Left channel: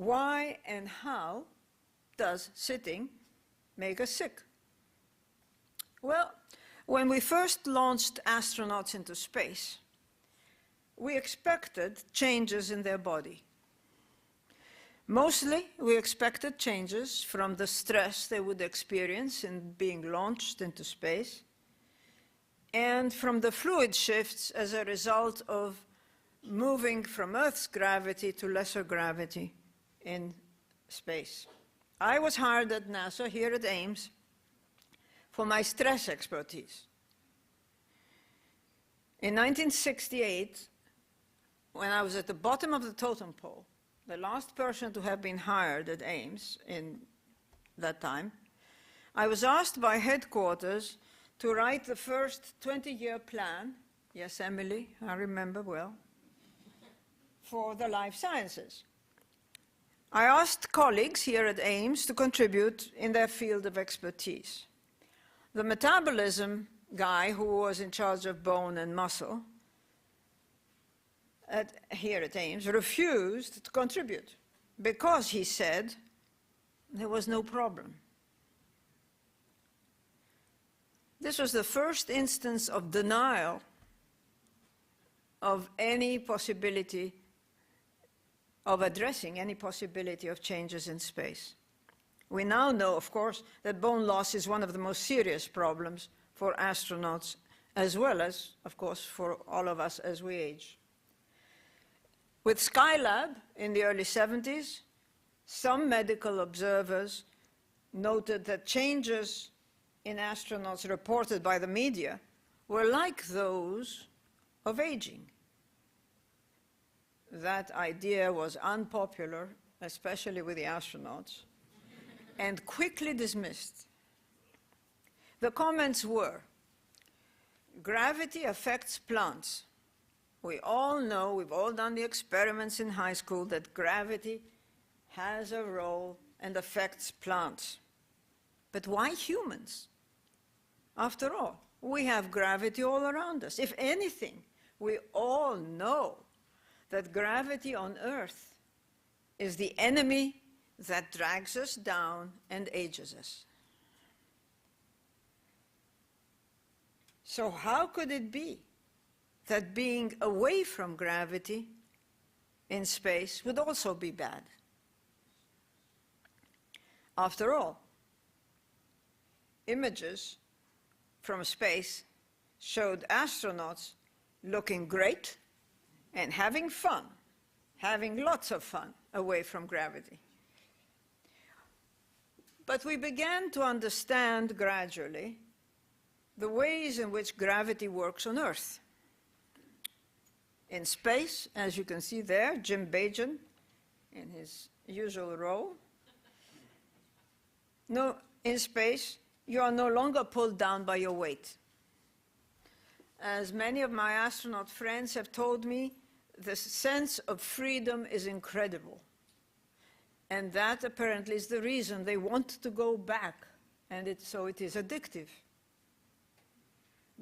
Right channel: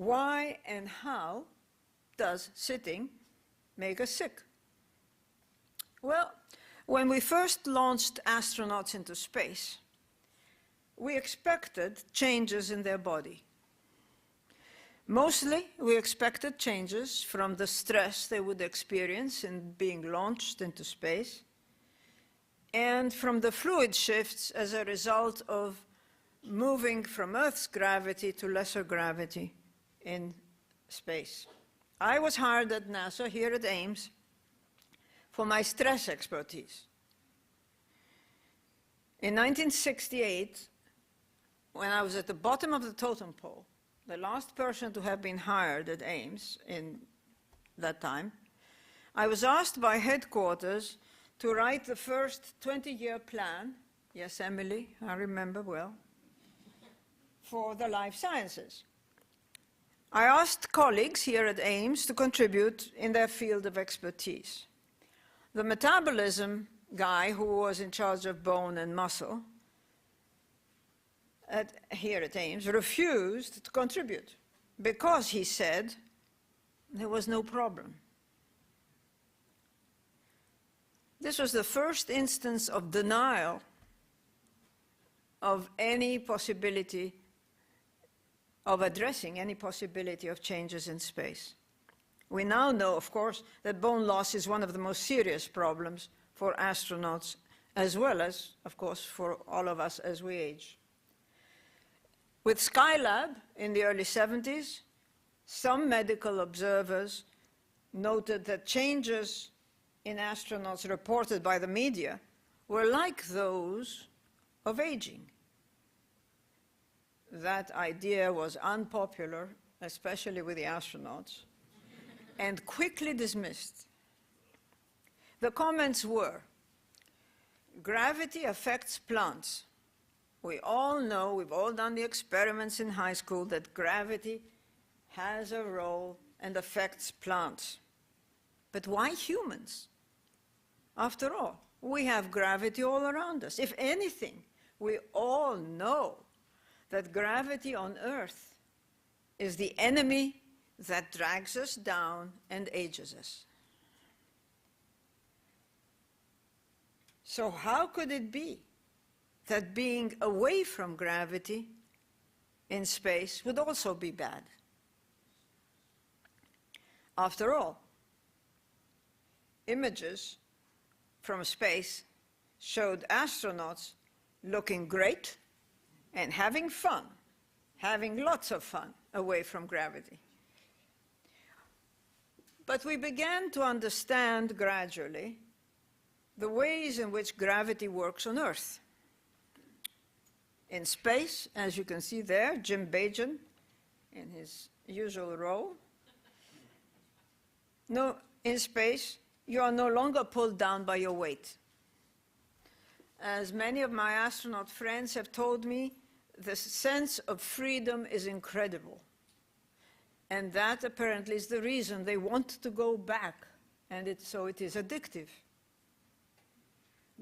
Why and how does sitting make us sick? Well, when we first launched astronauts into space, we expected changes in their body. Mostly, we expected changes from the stress they would experience in being launched into space and from the fluid shifts as a result of moving from Earth's gravity to lesser gravity in space. I was hired at NASA here at Ames for my stress expertise. In 1968, when I was at the bottom of the totem pole, the last person to have been hired at Ames in that time, I was asked by headquarters to write the first 20-year plan, yes, Emily, I remember well, for the life sciences. I asked colleagues here at Ames to contribute in their field of expertise. The metabolism guy who was in charge of bone and muscle here at Ames refused to contribute because he said there was no problem. This was the first instance of denial of any possibility of addressing any possibility of changes in space. We now know, of course, that bone loss is one of the most serious problems for astronauts, as well as, of course, for all of us as we age. With Skylab in the early 70s, some medical observers noted that changes in astronauts reported by the media were like those of aging. That idea was unpopular, especially with the astronauts, and quickly dismissed. The comments were, gravity affects plants. We all know, we've all done the experiments in high school, that gravity has a role and affects plants. But why humans? After all, we have gravity all around us. If anything, we all know that gravity on Earth is the enemy that drags us down and ages us. So how could it be that being away from gravity in space would also be bad? After all, images from space showed astronauts looking great and having fun, having lots of fun away from gravity. But we began to understand gradually the ways in which gravity works on Earth. In space, as you can see there, Jim Bajan in his usual role. No, in space, you are no longer pulled down by your weight. As many of my astronaut friends have told me, the sense of freedom is incredible. And that apparently is the reason they want to go back, and so it is addictive.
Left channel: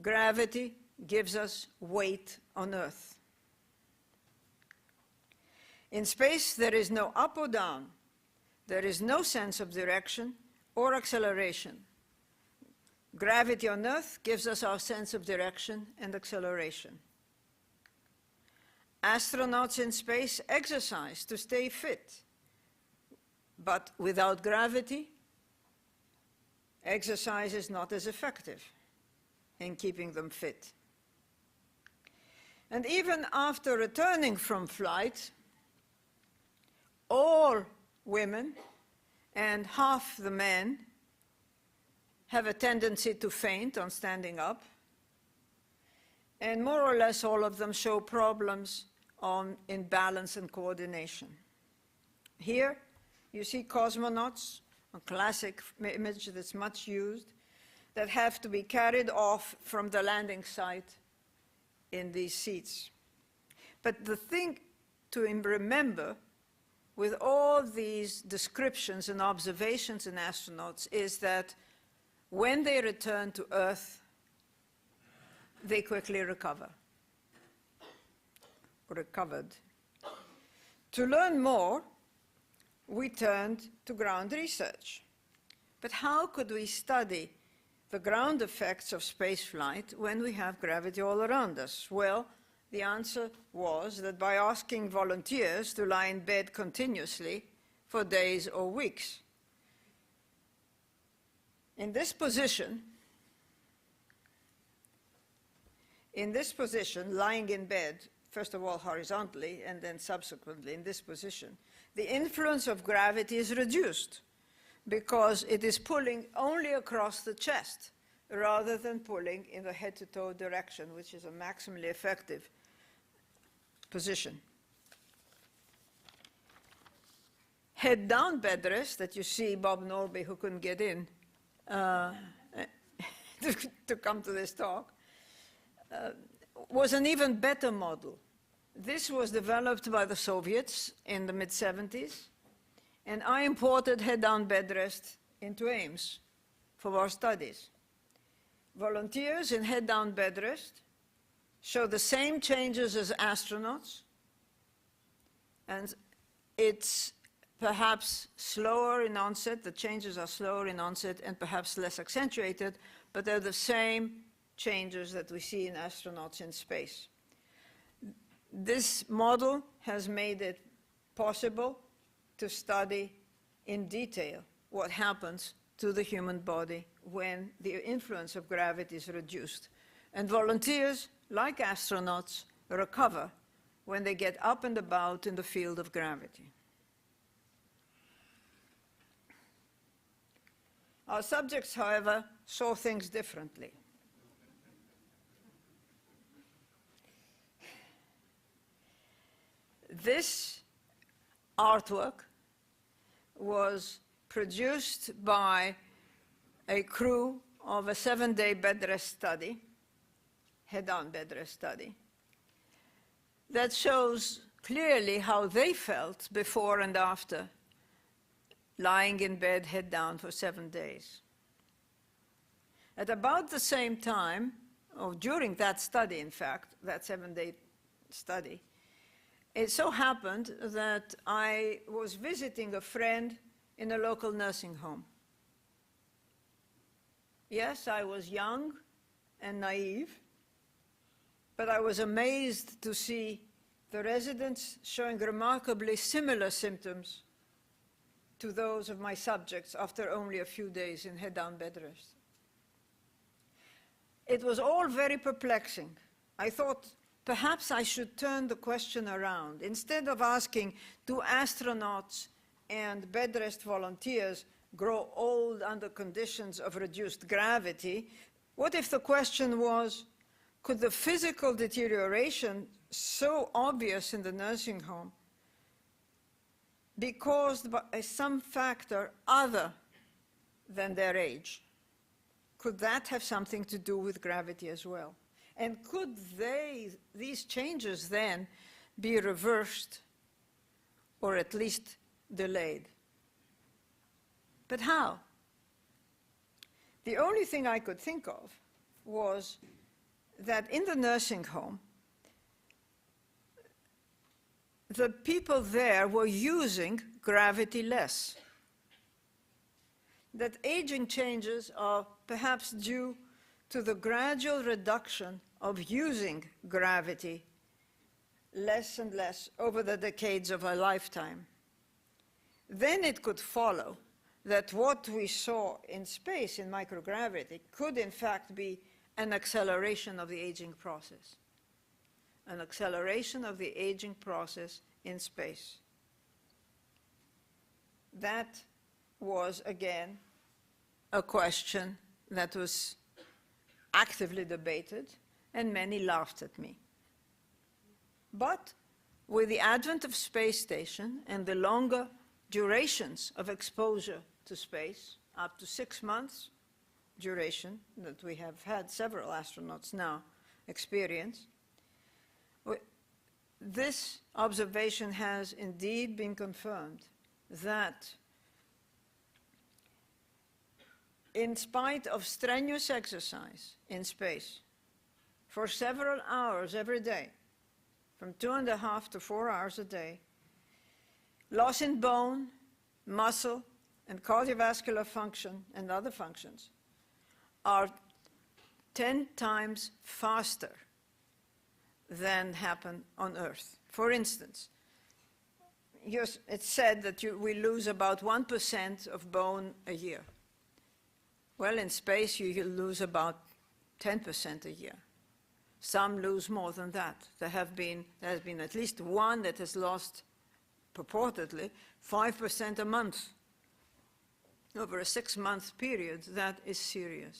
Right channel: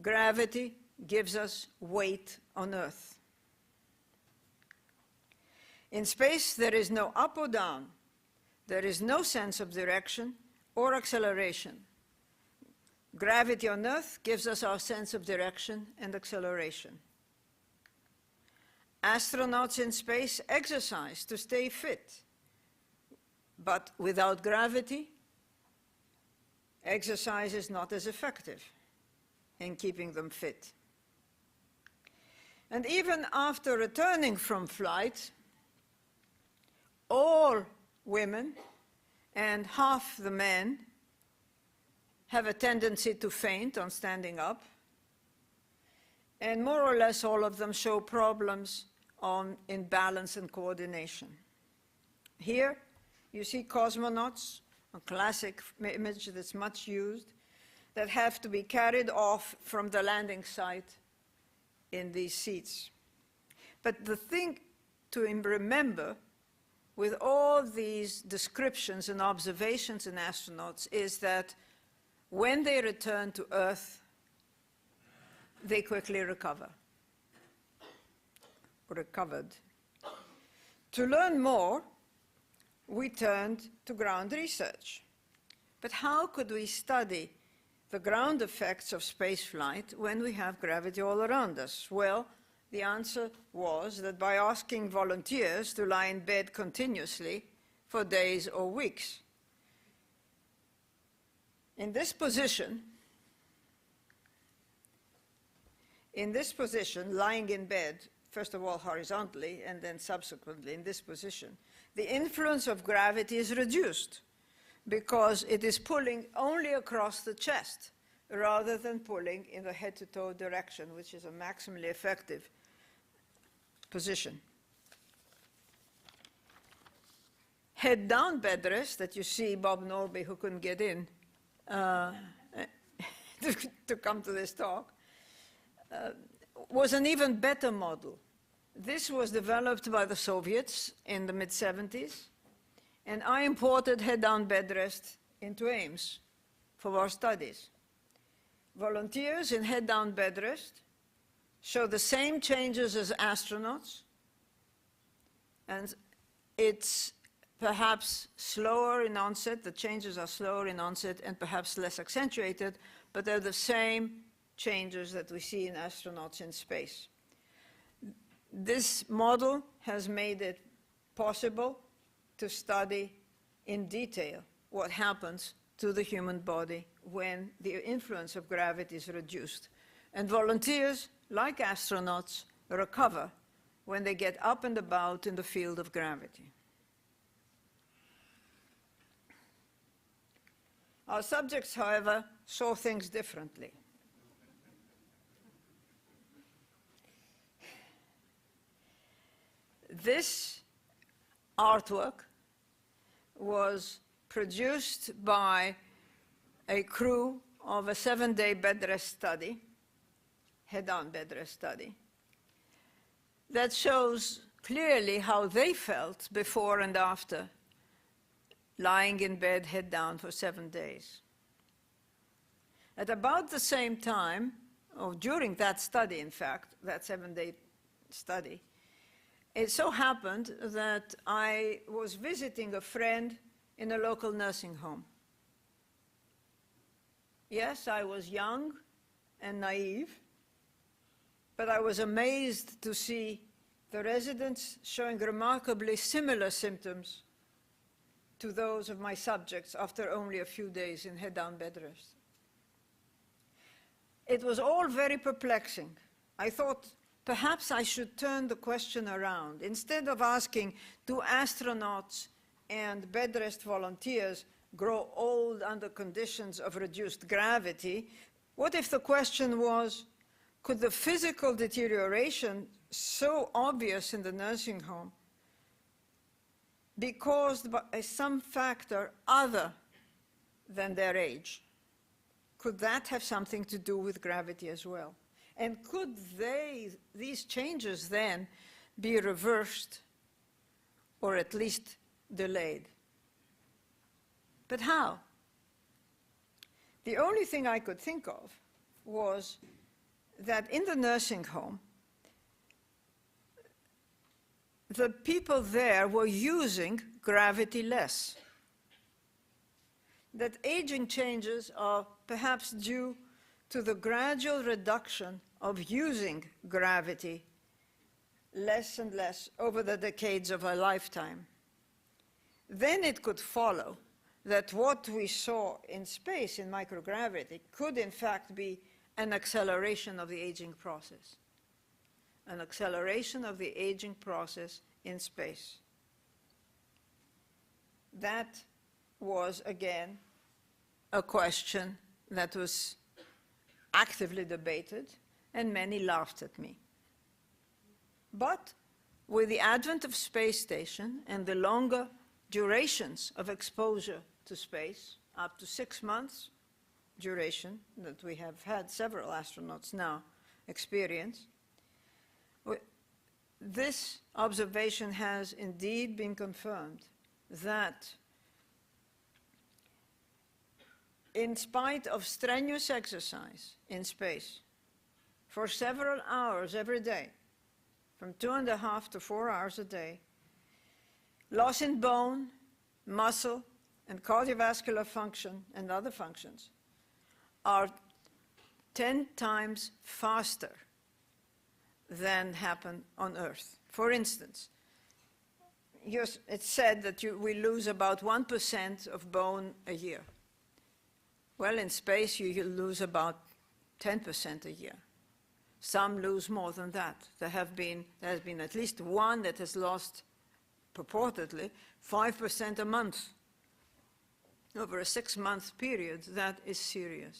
Gravity gives us weight on Earth. In space, there is no up or down. There is no sense of direction or acceleration. Gravity on Earth gives us our sense of direction and acceleration. Astronauts in space exercise to stay fit. But without gravity, exercise is not as effective in keeping them fit. And even after returning from flight, all women and half the men have a tendency to faint on standing up, and more or less all of them show problems in balance and coordination. Here, you see cosmonauts, a classic image that's much used, that have to be carried off from the landing site in these seats. But the thing to remember with all these descriptions and observations in astronauts is that when they return to Earth, they quickly recovered. To learn more, we turned to ground research. But how could we study the ground effects of spaceflight when we have gravity all around us? Well, the answer was that by asking volunteers to lie in bed continuously for days or weeks. In this position, lying in bed, first of all horizontally and then subsequently in this position, the influence of gravity is reduced because it is pulling only across the chest rather than pulling in the head-to-toe direction, which is a maximally effective position. Head-down bed rest that you see Bob Norby, who couldn't get in to come to this talk, was an even better model. This was developed by the Soviets in the mid-70s, and I imported head-down bed rest into Ames for our studies. Volunteers in head-down bed rest show the same changes as astronauts, and it's perhaps slower in onset, the changes are slower in onset and perhaps less accentuated, but they're the same changes that we see in astronauts in space. This model has made it possible to study in detail what happens to the human body when the influence of gravity is reduced. And volunteers, like astronauts, recover when they get up and about in the field of gravity. Our subjects, however, saw things differently. This artwork was produced by a crew of a 7-day bed rest study, head-down bed rest study, that shows clearly how they felt before and after lying in bed head down for 7 days. At about the same time, or during that study, in fact, that 7-day study, it so happened that I was visiting a friend in a local nursing home. Yes, I was young and naive, but I was amazed to see the residents showing remarkably similar symptoms to those of my subjects after only a few days in head-down bed rest. It was all very perplexing. I thought perhaps I should turn the question around. Instead of asking, do astronauts and bed rest volunteers grow old under conditions of reduced gravity, what if the question was, could the physical deterioration so obvious in the nursing home be caused by some factor other than their age? Could that have something to do with gravity as well? And could these changes then be reversed or at least delayed? But how? The only thing I could think of was that in the nursing home, the people there were using gravity less. That aging changes are perhaps due to the gradual reduction of using gravity less and less over the decades of a lifetime. Then it could follow that what we saw in space in microgravity could in fact be an acceleration of the aging process. An acceleration of the aging process in space. That was, again, a question that was actively debated, and many laughed at me. But with the advent of space station and the longer durations of exposure to space, up to 6 months duration that we have had several astronauts now experience, this observation has indeed been confirmed that in spite of strenuous exercise in space for several hours every day, from 2.5 to 4 hours a day, loss in bone muscle, and cardiovascular function and other functions are 10 times faster than happen on Earth. For instance, it's said that we lose about 1% of bone a year. Well, in space, you lose about 10% a year. Some lose more than that. There has been at least one that has lost, purportedly, 5% a month over a 6-month period. That is serious.